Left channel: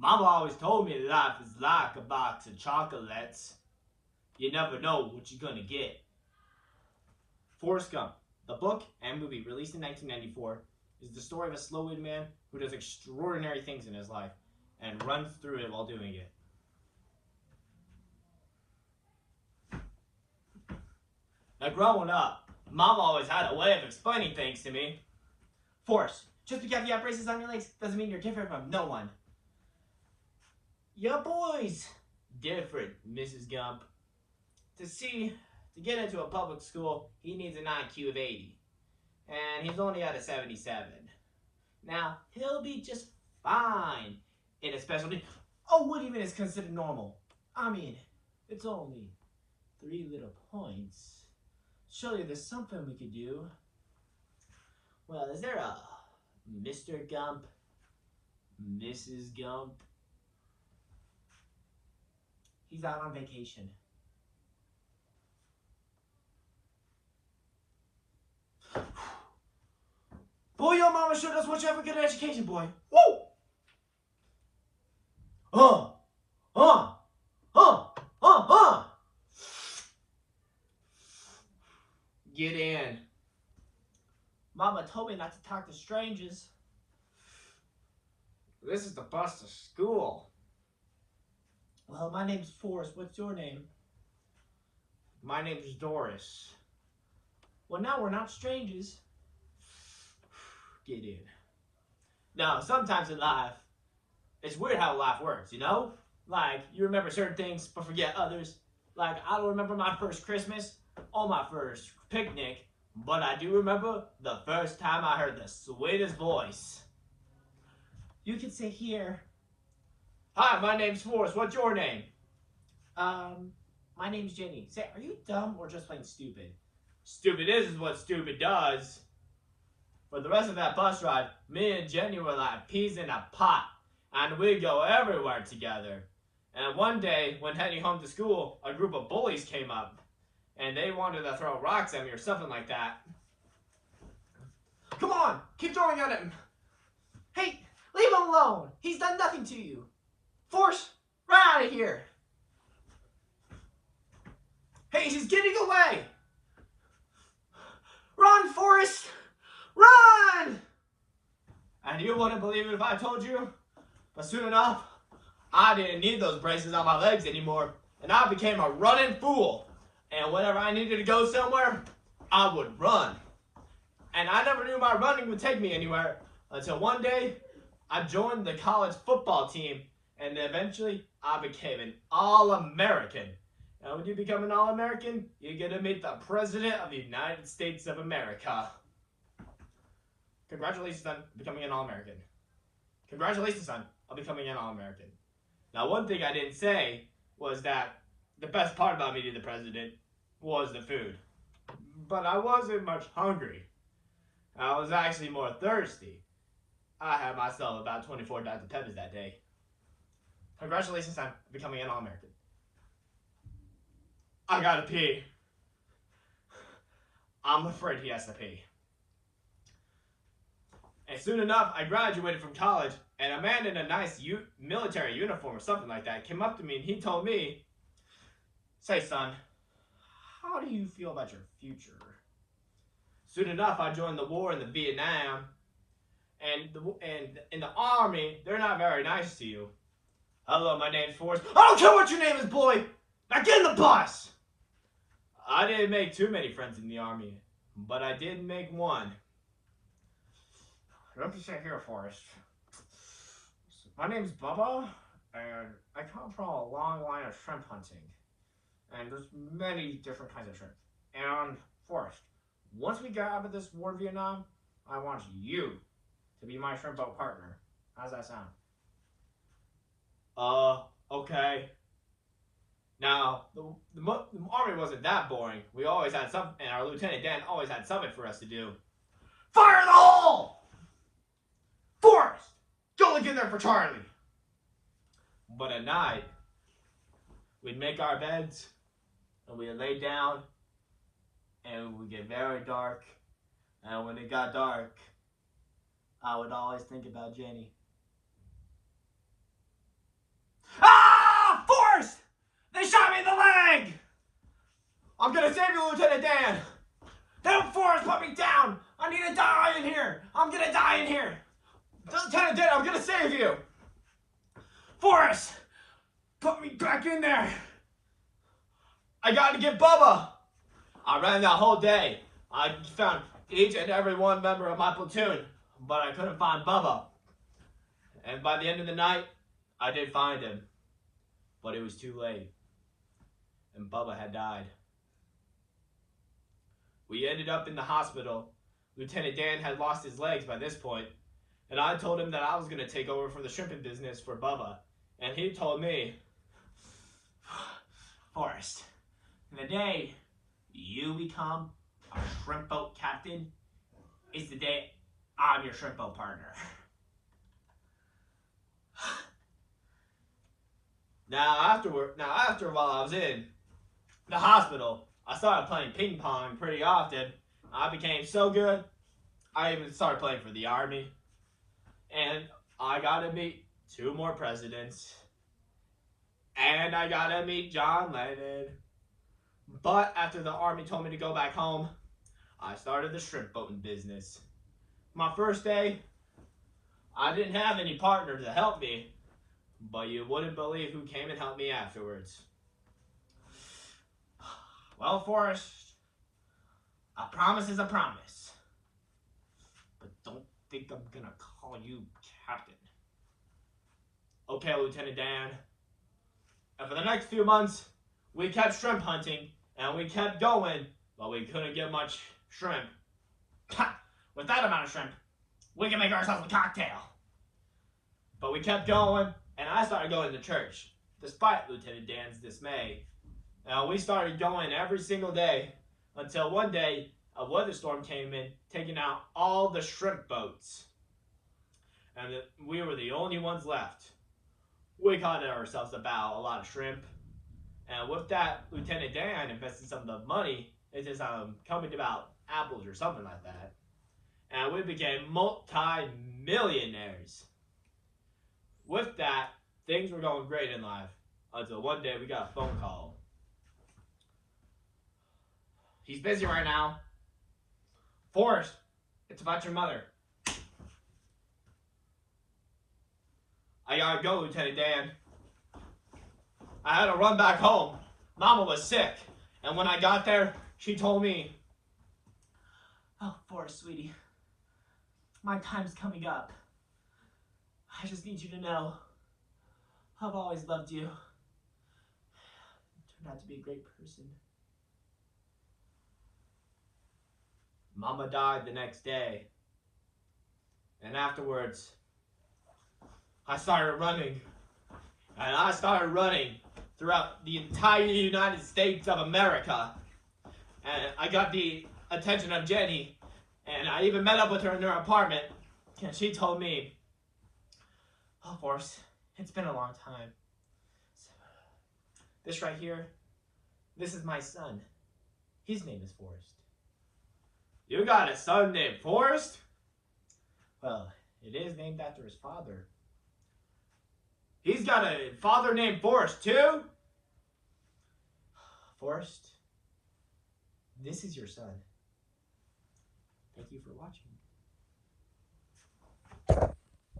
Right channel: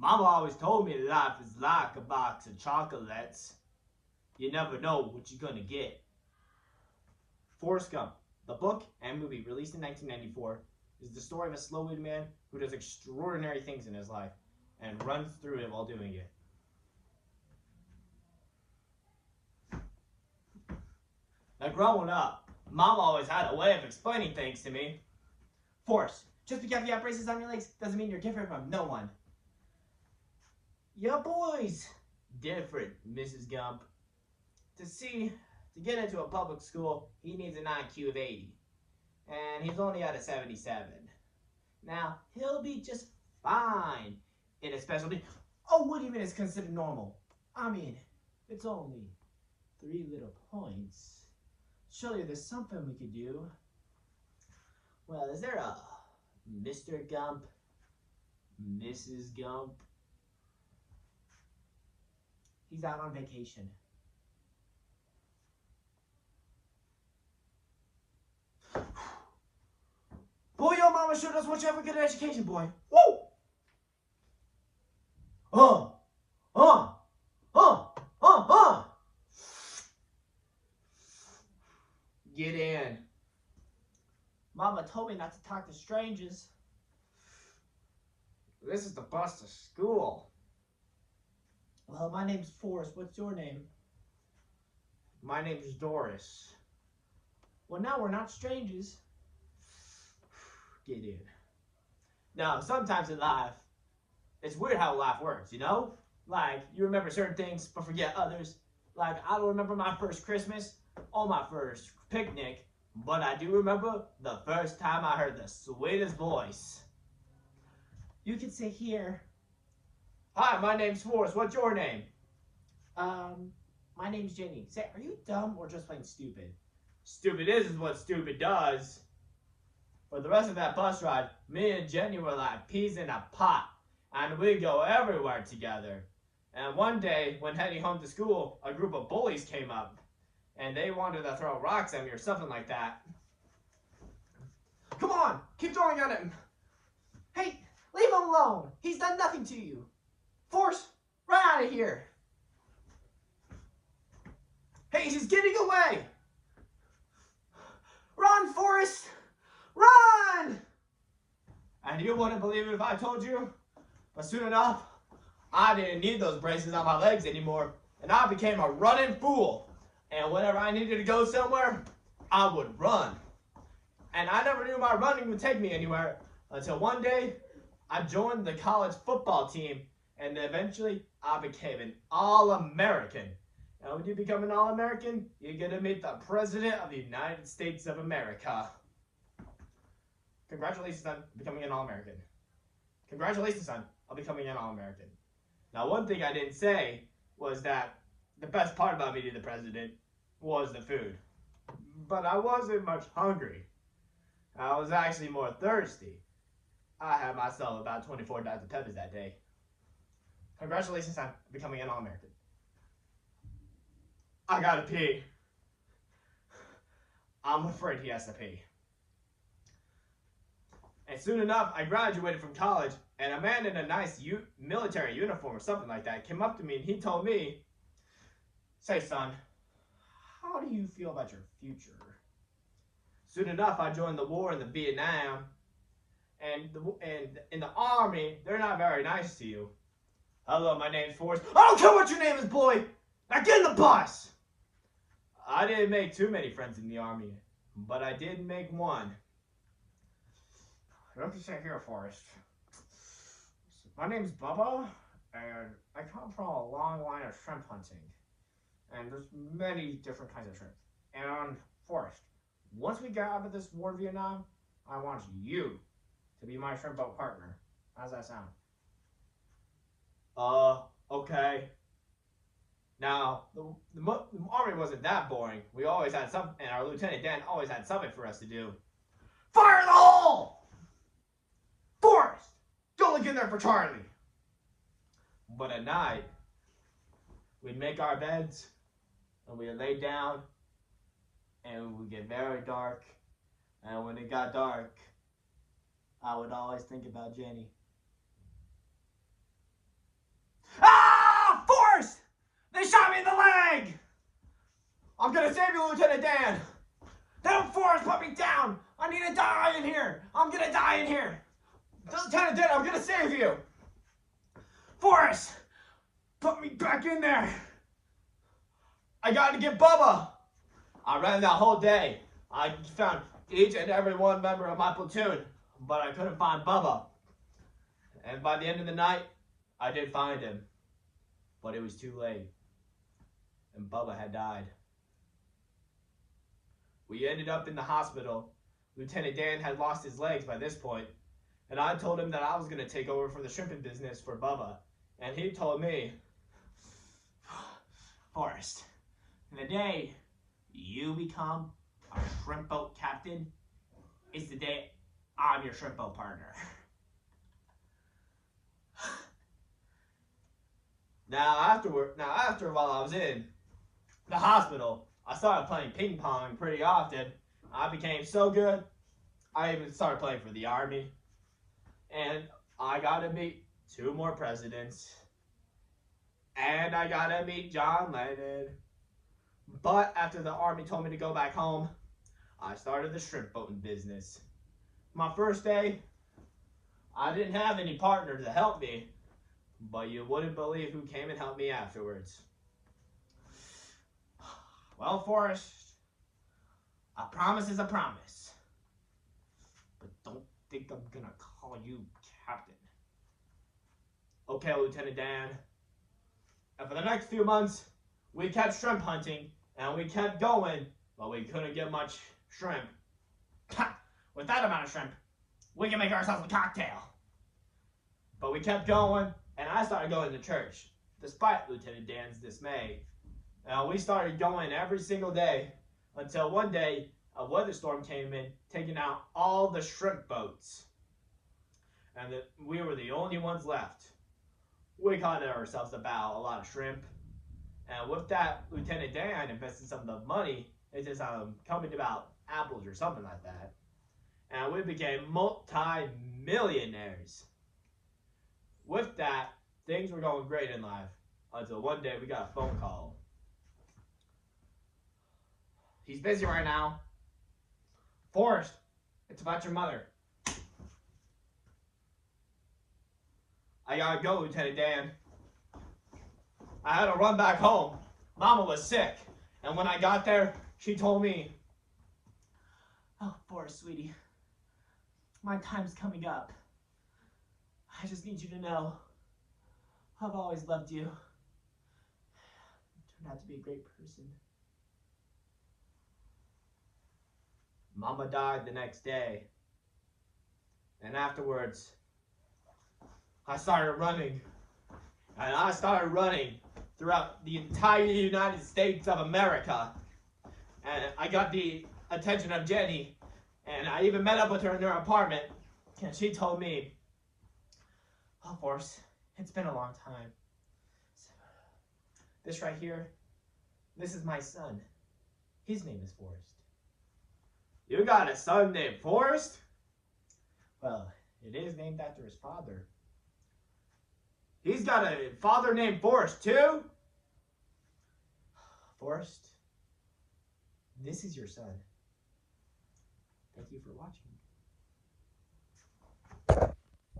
Mama always told me life is like a box of chocolates. You never know what you're gonna get. Forrest Gump, the book and movie released in 1994, is the story of a slow-witted man who does extraordinary things in his life and runs through it while doing it. Now, growing up, Mom always had a way of explaining things to me. Forrest, just because you have braces on your legs doesn't mean you're different from no one. Your boy's different, Mrs. Gump. To get into a public school, he needs an IQ of 80. And he's only at a 77. Now, he'll be just fine in a specialty. Oh, what even is considered normal? I mean, it's only 3 little points. Surely there's something we could do. Well, is there a Mr. Gump? Mrs. Gump? He's out on vacation. Boy, your mama sure does want you to have a good education, boy. Woo! Uh, uh, uh, uh, uh. Get in. Mama told me not to talk to strangers. This is the bus to school. Well, my name's Forrest. What's your name? My name's Doris. Well, now we're not strangers. Get in. Now, sometimes in life, it's weird how life works, you know? Like, you remember certain things, but forget others. Like, I don't remember my first Christmas or my first picnic, but I do remember the first time I heard the sweetest voice. You can sit here. Hi, my name's Forrest. What's your name? My name's Jenny. Say, are you dumb or just plain stupid? Stupid is what stupid does. For the rest of that bus ride, me and Jenny were like peas in a pot, and we'd go everywhere together. And one day, when heading home to school, a group of bullies came up, and they wanted to throw rocks at me or something like that. Come on, keep throwing at him. Hey, leave him alone. He's done nothing to you. Forrest, run out of here. Hey, he's getting away. Run, Forrest. Run! And you wouldn't believe it if I told you, but soon enough, I didn't need those braces on my legs anymore, and I became a running fool. And whenever I needed to go somewhere, I would run. And I never knew my running would take me anywhere until one day, I joined the college football team, and eventually, I became an All-American. Now, when you become an All-American, you're going to meet the President of the United States of America. Congratulations on becoming an All-American. Congratulations, son, on becoming an All-American. Now, one thing I didn't say was that the best part about meeting the president was the food. But I wasn't much hungry. I was actually more thirsty. I had myself about 24 Dr. Peppers that day. Congratulations on becoming an All-American. I gotta pee. I'm afraid he has to pee. And soon enough, I graduated from college, and a man in a nice military uniform or something like that came up to me and he told me, say, son, how do you feel about your future? Soon enough, I joined the war in the Vietnam, and in the army, they're not very nice to you. Hello, my name's Forrest. I don't care what your name is, boy! Now get in the bus! I didn't make too many friends in the army, but I did make one. Don't be sit here, Forrest. My name's Bubba, and I come from a long line of shrimp hunting. And there's many different kinds of shrimp. And Forrest, once we get out of this war in Vietnam, I want you to be my shrimp boat partner. How's that sound? Okay. Now, the army wasn't that boring. We always had some, and our Lieutenant Dan always had something for us to do. Fire in the hole! Forrest! Go look in there for Charlie! But at night, we'd make our beds, and we'd lay down, and it would get very dark. And when it got dark, I would always think about Jenny. Ah! Forrest! They shot me in the leg! I'm gonna save you, Lieutenant Dan! Don't, Forrest, put me down! I need to die in here! I'm gonna die in here! Lieutenant Dan, I'm gonna save you! Forrest! Put me back in there! I gotta get Bubba! I ran that whole day. I found each and every one member of my platoon, but I couldn't find Bubba. And by the end of the night, I did find him. But it was too late. And Bubba had died. We ended up in the hospital. Lieutenant Dan had lost his legs by this point, and I told him that I was going to take over for the shrimping business for Bubba. And he told me, Forrest, the day you become a shrimp boat captain is the day I'm your shrimp boat partner. Now after while I was in the hospital, I started playing ping pong pretty often. I became so good, I even started playing for the Army. And I got to meet 2 more presidents. And I got to meet John Lennon. But after the Army told me to go back home, I started the shrimp boating business. My first day, I didn't have any partner to help me, but you wouldn't believe who came and helped me afterwards. Well, Forrest, a promise is a promise. But don't think I'm gonna call you captain. Okay, Lieutenant Dan. And for the next few months, we kept shrimp hunting, and we kept going, but we couldn't get much shrimp. With that amount of shrimp, we can make ourselves a cocktail. But we kept going, and I started going to church, despite Lieutenant Dan's dismay. We started going every single day, until one day, a weather storm came in, taking out all the shrimp boats. And we were the only ones left. We caught ourselves about a lot of shrimp. And with that, Lieutenant Dan invested some of the money into some company about apples or something like that. And we became multi-millionaires. With that, things were going great in life. Until one day we got a phone call. He's busy right now. Forrest, it's about your mother. I gotta go, Lieutenant Dan. I had to run back home. Mama was sick. And when I got there, she told me, oh, Forrest, sweetie, my time's coming up. I just need you to know, I've always loved you. You turned out to be a great person. Mama died the next day. And afterwards, I started running. And I started running throughout the entire United States of America. And I got the attention of Jenny. And I even met up with her in her apartment. And she told me, oh, Forrest, it's been a long time. This right here, this is my son. His name is Forrest. You got a son named Forrest? Well, it is named after his father. He's got a father named Forrest, too? Forrest, this is your son. Thank you for watching.